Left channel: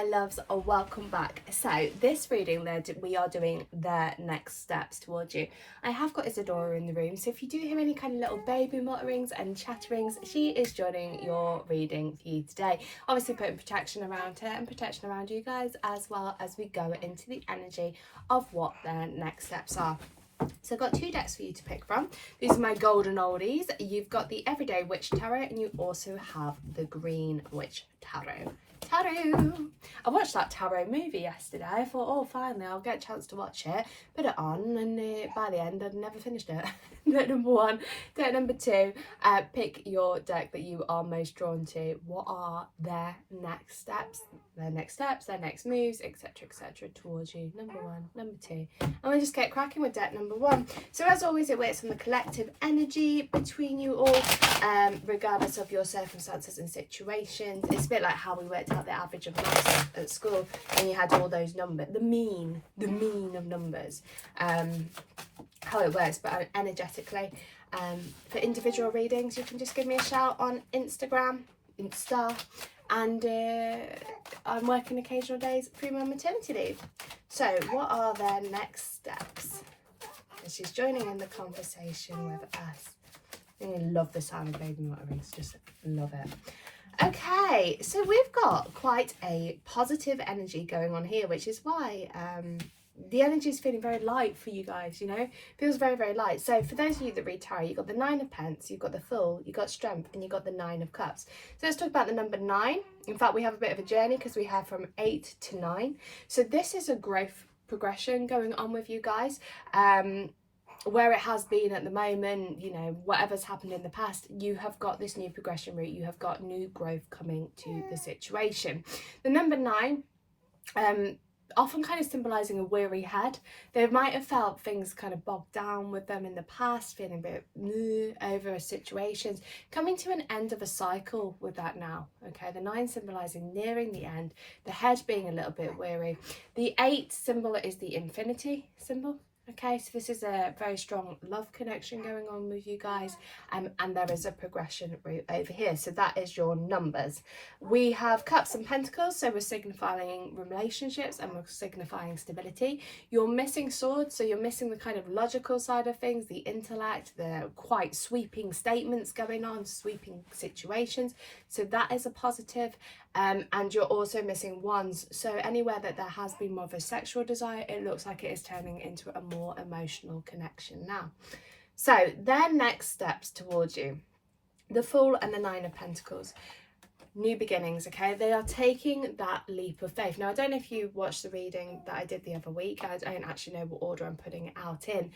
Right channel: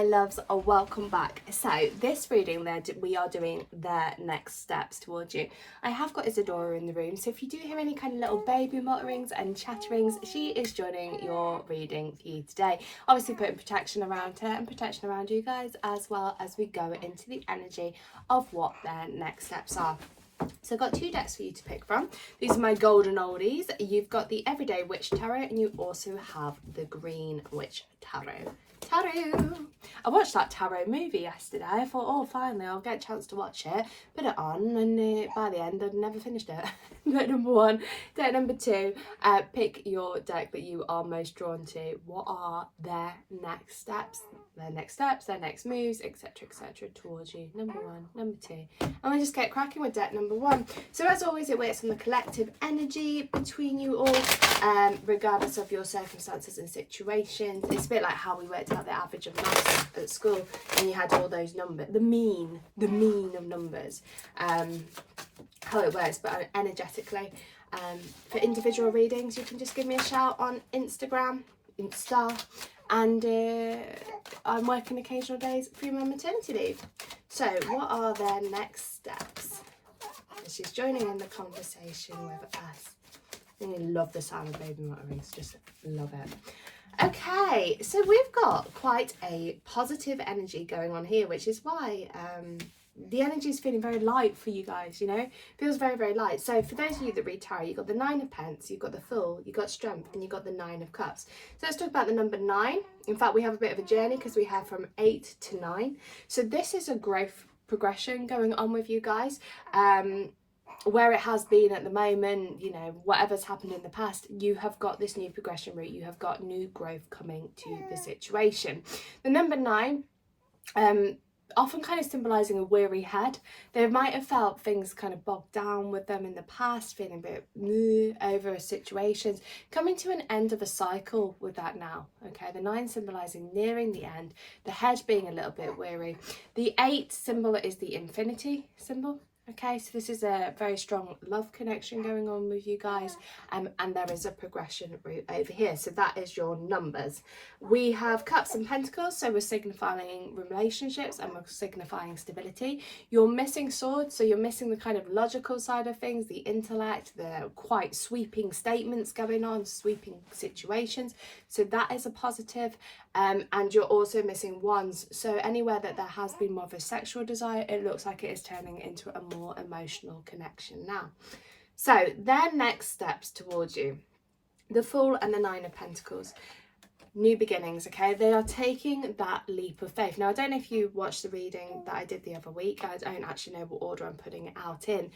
my loves, welcome back. So this reading we are doing the next steps towards you. I have got Isadora in the room, so if you do hear any kind of little baby mutterings and chatterings, she is joining your reading for you today. Obviously putting protection around her and protection around you guys, as well as we go into the energy of what their next steps are. So I've got two decks for you to pick from. These are my golden oldies. You've got the Everyday Witch Tarot, and you also have the Green Witch Tarot. Tarot! I watched that tarot movie yesterday. I thought, oh, finally, I'll get a chance to watch it. Put it on, and by the end, I'd never finished it. Deck number one. Deck number two. Pick your deck that you are most drawn to. What are their next steps? Their next steps, their next moves, etc., etc. towards you. Number one, number two. And we just get cracking with deck number one. So as always, it works on the collective energy between you all, regardless of your circumstances and situations. It's a bit like how we worked out the average of numbers at school, and you had all those numbers, the mean of numbers, how it works, but energetically. For individual readings, you can just give me a shout on Insta, and I'm working occasional days through my maternity leave. So what are their next steps? And she's joining in the conversation with us. I love the sound of baby mutterings, just love it. Okay, so we've got quite a positive energy going on here, which is why the energy is feeling very light for you guys, you know, feels very, very light. So for those of you that read tarot, you've got the Nine of Pence, you've got the Fool, you've got Strength, and you've got the Nine of Cups. So let's talk about the number 9. In fact, we have a bit of a journey because we have from 8 to 9. So this is a growth progression going on with you guys. Where it has been at the moment, you know, whatever's happened in the past, you have got this new progression route, you have got new growth coming to the situation. The number 9, often kind of symbolising a weary head. They might have felt things kind of bogged down with them in the past, feeling a bit over situations, coming to an end of a cycle with that now. Okay, the 9 symbolising nearing the end, the head being a little bit weary. The 8 symbol is the infinity symbol. Okay, so this is a very strong love connection going on with you guys, and there is a progression route over here. So that is your numbers. We have Cups and Pentacles, so we're signifying relationships and we're signifying stability. You're missing Swords, so you're missing the kind of logical side of things, the intellect, the quite sweeping statements going on, sweeping situations. So that is a positive. And you're also missing Wands, so anywhere that there has been more of a sexual desire, it looks like it is turning into a more emotional connection now. So their next steps towards you, the Fool and the Nine of Pentacles. New beginnings, okay? They are taking that leap of faith. Now, I don't know if you watched the reading that I did the other week. I don't actually know what order I'm putting it out in.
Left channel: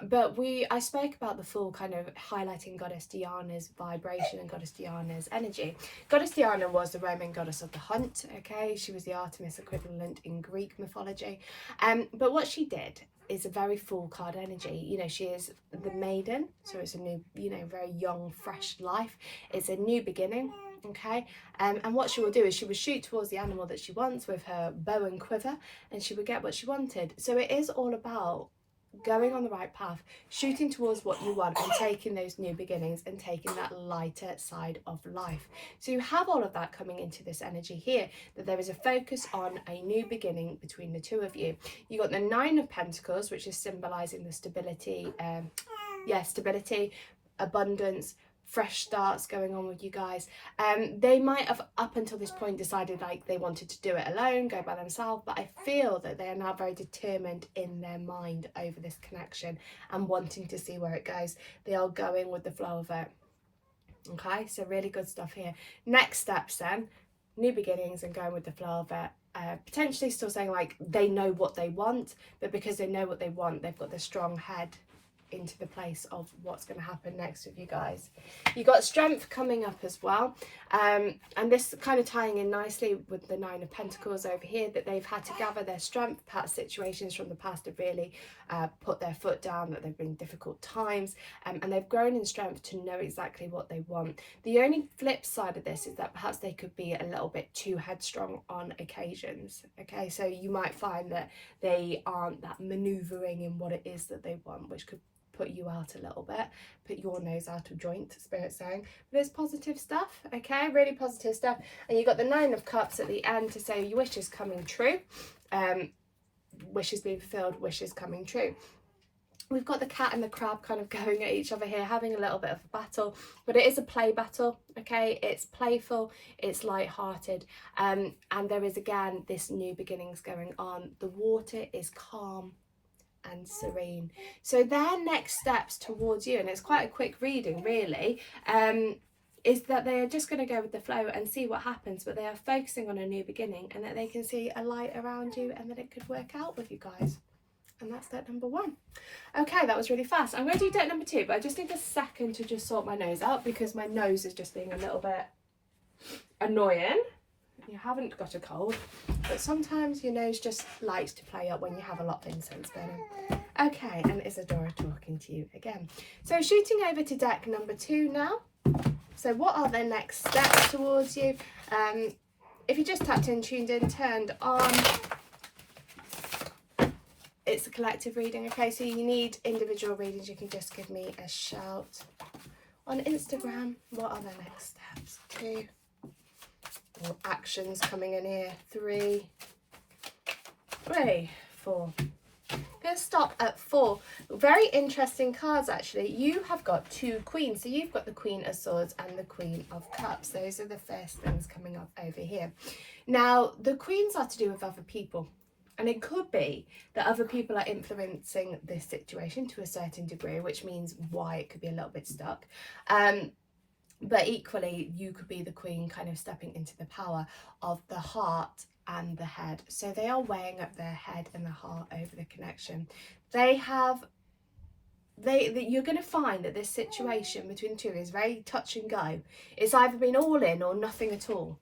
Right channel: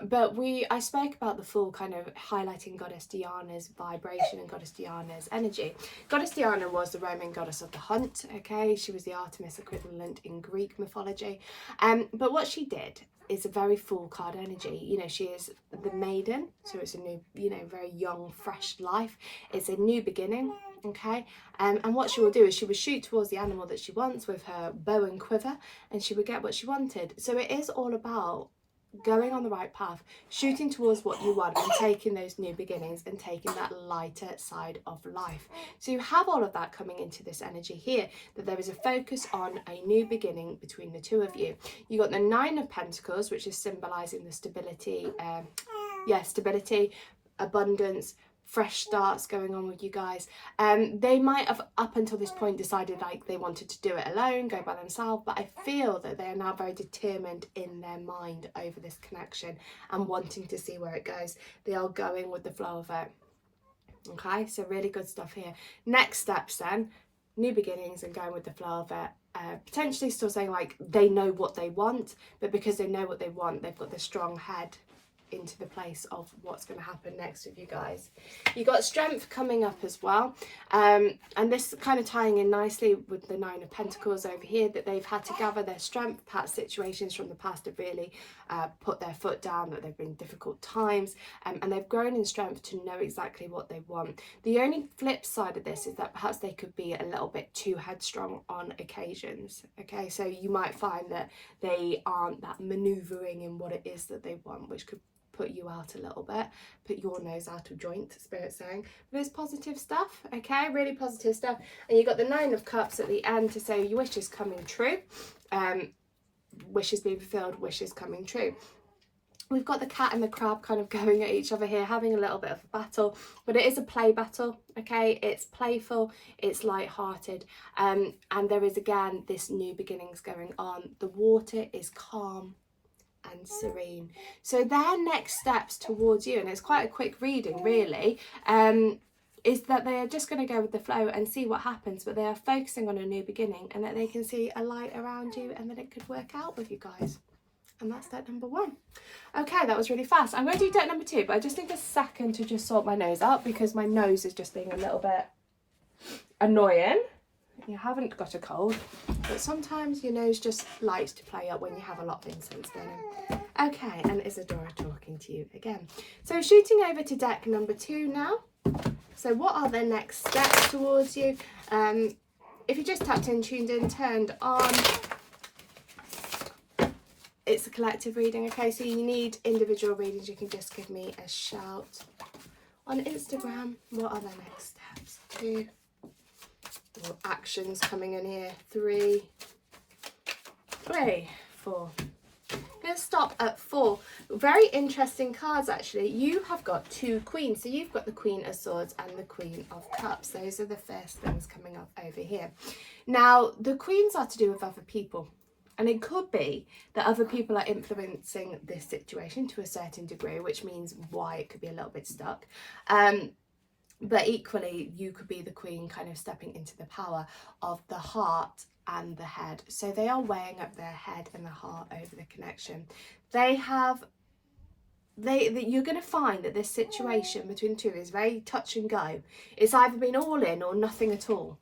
But I spoke about the Fool kind of highlighting Goddess Diana's vibration and Goddess Diana's energy. Goddess Diana was the Roman goddess of the hunt, okay? She was the Artemis equivalent in Greek mythology. But what she did is a very full card energy. You know, she is the maiden, so it's a new, you know, very young, fresh life. It's a new beginning. Okay, and what she will do is she will shoot towards the animal that she wants with her bow and quiver, and she will get what she wanted. So it is all about going on the right path, shooting towards what you want, and taking those new beginnings and taking that lighter side of life. So you have all of that coming into this energy here, that there is a focus on a new beginning between the two of you. You got the Nine of Pentacles, which is symbolizing the stability, stability, abundance, fresh starts going on with you guys. They might have up until this point decided like they wanted to do it alone, go by themselves, but I feel that they are now very determined in their mind over this connection and wanting to see where it goes. They are going with the flow of it. Okay, so really good stuff here. Next steps then, new beginnings and going with the flow of it. Potentially still saying like they know what they want, but because they know what they want, they've got the strong head into the place of what's going to happen next with you guys. You got Strength coming up as well, and this kind of tying in nicely with the Nine of Pentacles over here, that they've had to gather their strength. Past situations from the past have really put their foot down, that they've been difficult times, and they've grown in strength to know exactly what they want. The only flip side of this is that perhaps they could be a little bit too headstrong on occasions. Okay, so you might find that they aren't that maneuvering in what it is that they want, which could put you out a little bit, put your nose out of joint, Spirit saying. But it's positive stuff, okay? Really positive stuff. And you've got the 9 of Cups at the end to say your wish is coming true. Wishes being fulfilled, wishes coming true. We've got the cat and the crab kind of going at each other here, having a little bit of a battle, but it is a play battle, okay? It's playful, it's light-hearted, and there is, again, this new beginnings going on. The water is calm and serene. So their next steps towards you, and it's quite a quick reading, really, is that they are just going to go with the flow and see what happens, but they are focusing on a new beginning, and that they can see a light around you, and that it could work out with you guys. And that's deck number 1. Okay, that was really fast. I'm going to do deck number 2, but I just need a second to just sort my nose out because my nose is just being a little bit annoying. You haven't got a cold, but sometimes your nose just likes to play up when you have a lot of incense burning. Okay, and Isadora talking to you again. So shooting over to deck number 2 now. So what are the next steps towards you? If you just tapped in, tuned in, turned on, it's a collective reading, okay? So you need individual readings, you can just give me a shout on Instagram. What are the next steps? 2, or actions coming in here. 3, 4. Going to stop at 4. Very interesting cards, actually. You have got 2 queens. So you've got the Queen of Swords and the Queen of Cups. Those are the first things coming up over here. Now, the queens are to do with other people. And it could be that other people are influencing this situation to a certain degree, which means why it could be a little bit stuck. But equally, you could be the queen kind of stepping into the power of the heart and the head. So they are weighing up their head and the heart over the connection. You're going to find that this situation between the two is very touch and go. It's either been all in or nothing at all.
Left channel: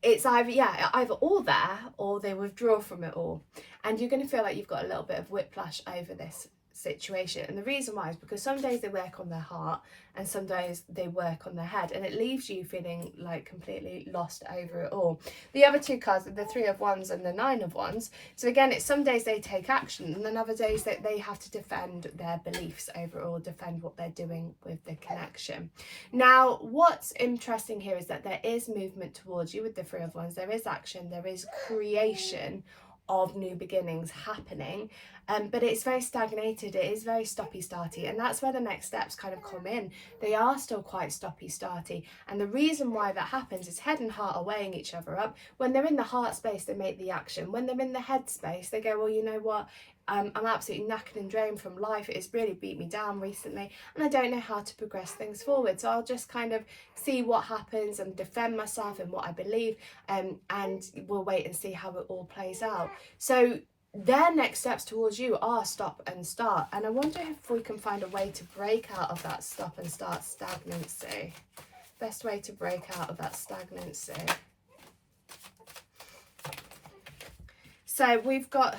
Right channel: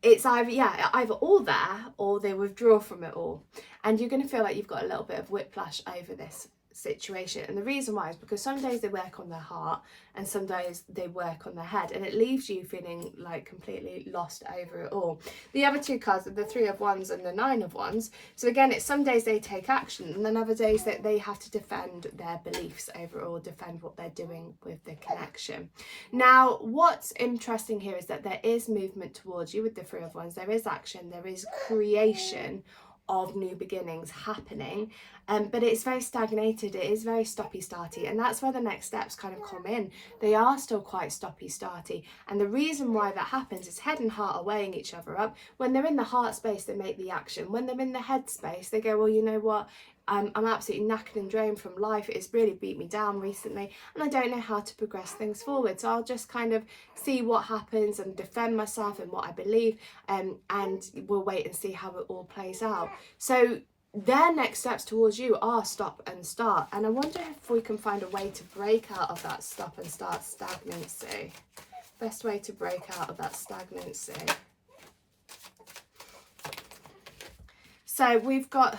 It's either all there or they withdraw from it all, and you're going to feel like you've got a little bit of whiplash over this situation. And the reason why is because some days they work on their heart and some days they work on their head, and it leaves you feeling like completely lost over it all. The other 2 cards are the 3 of Wands and the 9 of Wands. So again, it's some days they take action, and then other days that they have to defend their beliefs over it all, defend what they're doing with the connection. Now, what's interesting here is that there is movement towards you with the 3 of Wands. There is action, there is creation of new beginnings happening, but it's very stagnated, it is very stoppy-starty, and that's where the next steps kind of come in. They are still quite stoppy-starty, and the reason why that happens is head and heart are weighing each other up. When they're in the heart space, they make the action. When they're in the head space, they go, well, you know what, I'm absolutely knackered and drained from life. It's really beat me down recently, and I don't know how to progress things forward. So I'll just kind of see what happens and defend myself and what I believe, and we'll wait and see how it all plays out. So their next steps towards you are stop and start. And I wonder if we can find a way to break out of that stop and start stagnancy. Best way to break out of that stagnancy. So we've got...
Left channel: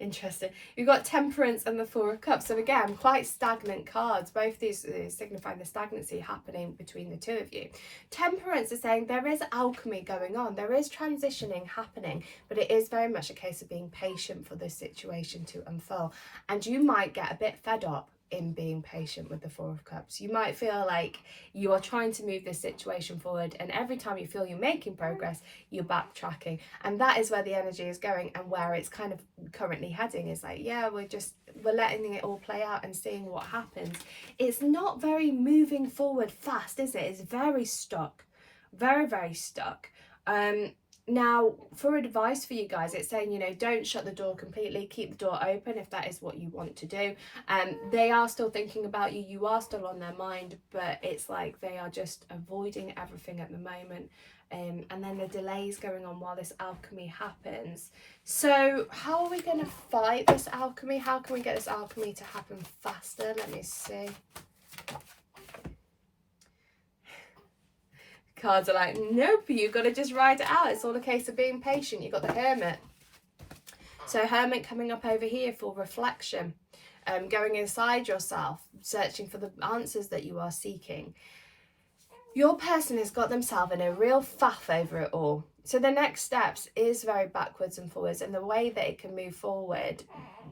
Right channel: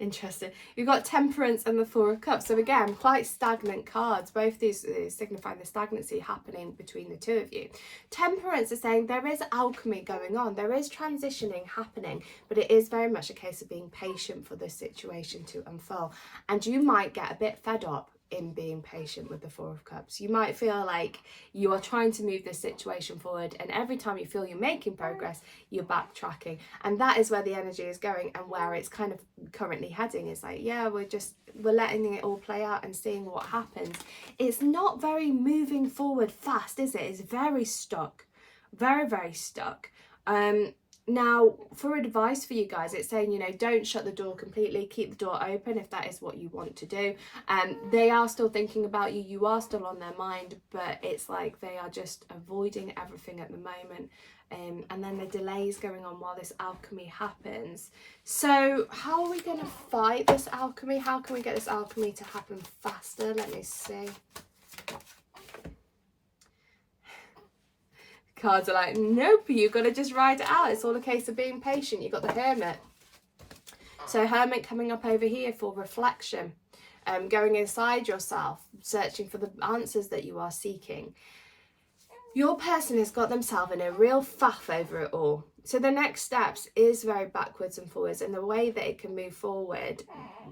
Interesting. You've got Temperance and the 4 of Cups. So again, quite stagnant cards. Both these signify the stagnancy happening between the 2 of you. Temperance is saying there is alchemy going on. There is transitioning happening, but it is very much a case of being patient for this situation to unfold. And you might get a bit fed up in being patient with the 4 of Cups. You might feel like you are trying to move this situation forward, and every time you feel you're making progress, you're backtracking. And that is where the energy is going, and where it's kind of currently heading is like, yeah, we're letting it all play out and seeing what happens. It's not very moving forward fast, is it? It's very stuck. Very, very stuck. Now, for advice for you guys, it's saying, you know, don't shut the door completely. Keep the door open if that is what you want to do. They are still thinking about you. You are still on their mind, but it's like they are just avoiding everything at the moment. And then the delays going on while this alchemy happens. So how are we going to fight this alchemy? How can we get this alchemy to happen faster? Let me see. Cards are like, nope, you've got to just ride it out. It's all a case of being patient. You've got the Hermit. So Hermit coming up over here for reflection, going inside yourself, searching for the answers that you are seeking. Your person has got themselves in a real faff over it all. So the next steps is very backwards and forwards, and the way that it can move forward,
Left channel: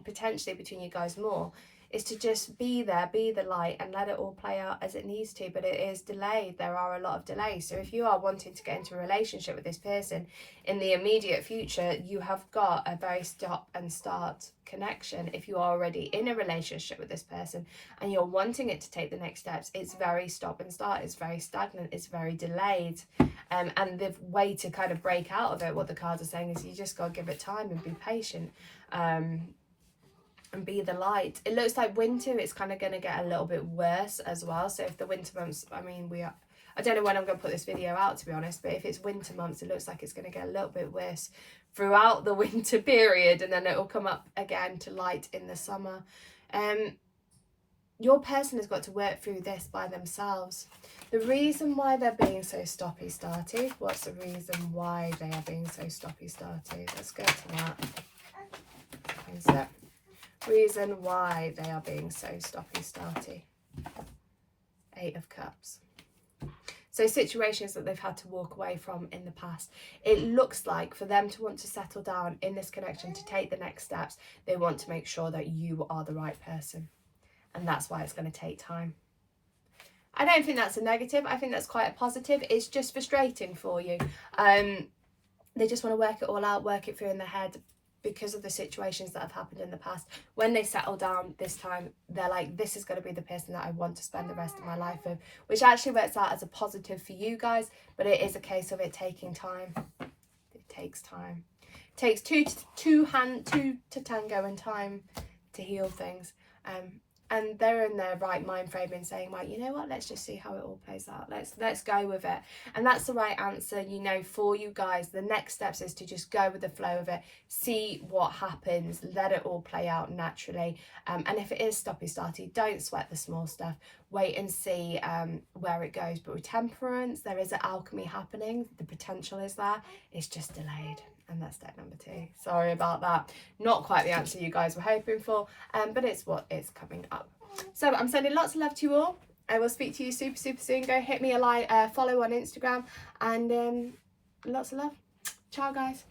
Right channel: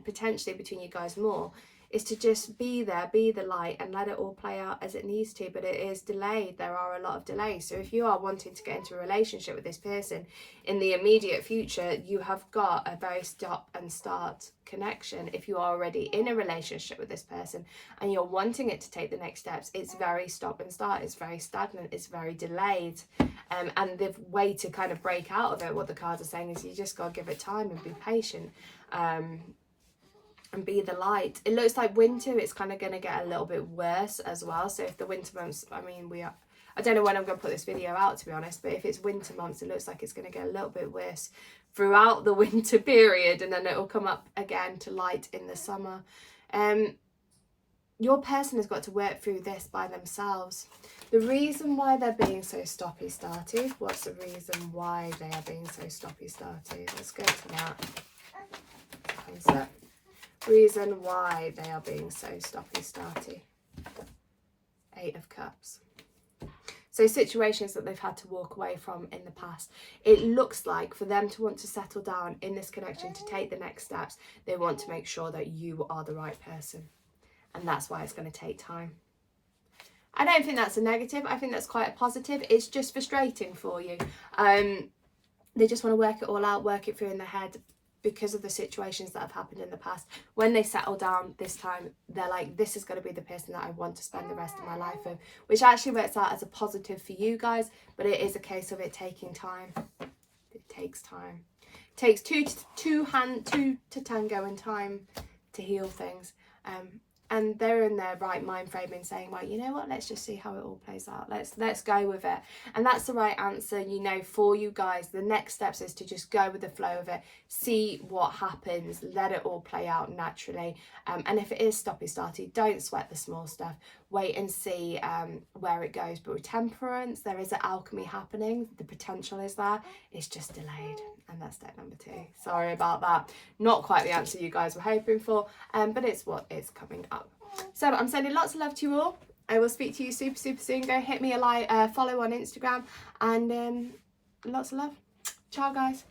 potentially between you guys more, is to just be there, be the light, and let it all play out as it needs to. But it is delayed. There are a lot of delays. So if you are wanting to get into a relationship with this person in the immediate future, you have got a very stop and start connection. If you are already in a relationship with this person and you're wanting it to take the next steps, it's very stop and start. It's very stagnant. It's very delayed. And the way to kind of break out of it, what the cards are saying, is you just got to give it time and be patient. And be the light. It looks like winter, it's kind of going to get a little bit worse as well. So if the winter months, I mean, I don't know when I'm going to put this video out, to be honest, but if it's winter months, it looks like it's going to get a little bit worse throughout the winter period, and then it will come up again to light in the summer. Your person has got to work through this by themselves. The reason why they're being so stoppy-starty, what's the reason why they are being so stoppy-starty? Let's go to that. Is that reason why they are being so stoppy-starty? 8 of Cups. So situations that they've had to walk away from in the past. It looks like for them to want to settle down in this connection, to take the next steps, they want to make sure that you are the right person. And that's why it's going to take time. I don't think that's a negative. I think that's quite a positive. It's just frustrating for you. They just want to work it all out, work it through in their head, because of the situations that have happened in the past. When they settle down this time, they're like, this is going to be the person that I want to spend the rest of my life with, which actually works out as a positive for you guys, but it is a case of it taking time. It takes time. It takes two to tango and time to heal things. And they're in their right mind frame and saying, well, you know what, let's just see how it all plays out. Let's go with it. And that's the right answer, you know, for you guys. The next steps is to just go with the flow of it, see what happens, let it all play out naturally. And if it is stoppy-starty, don't sweat the small stuff. Wait and see where it goes. But with Temperance, there is an alchemy happening. The potential is there. It's just delayed. And that's deck number 2. Sorry about that. Not quite the answer you guys were hoping for, but it's what is coming up. So I'm sending lots of love to you all. I will speak to you super soon. Go hit me a like, follow on Instagram, and lots of love. Ciao, guys.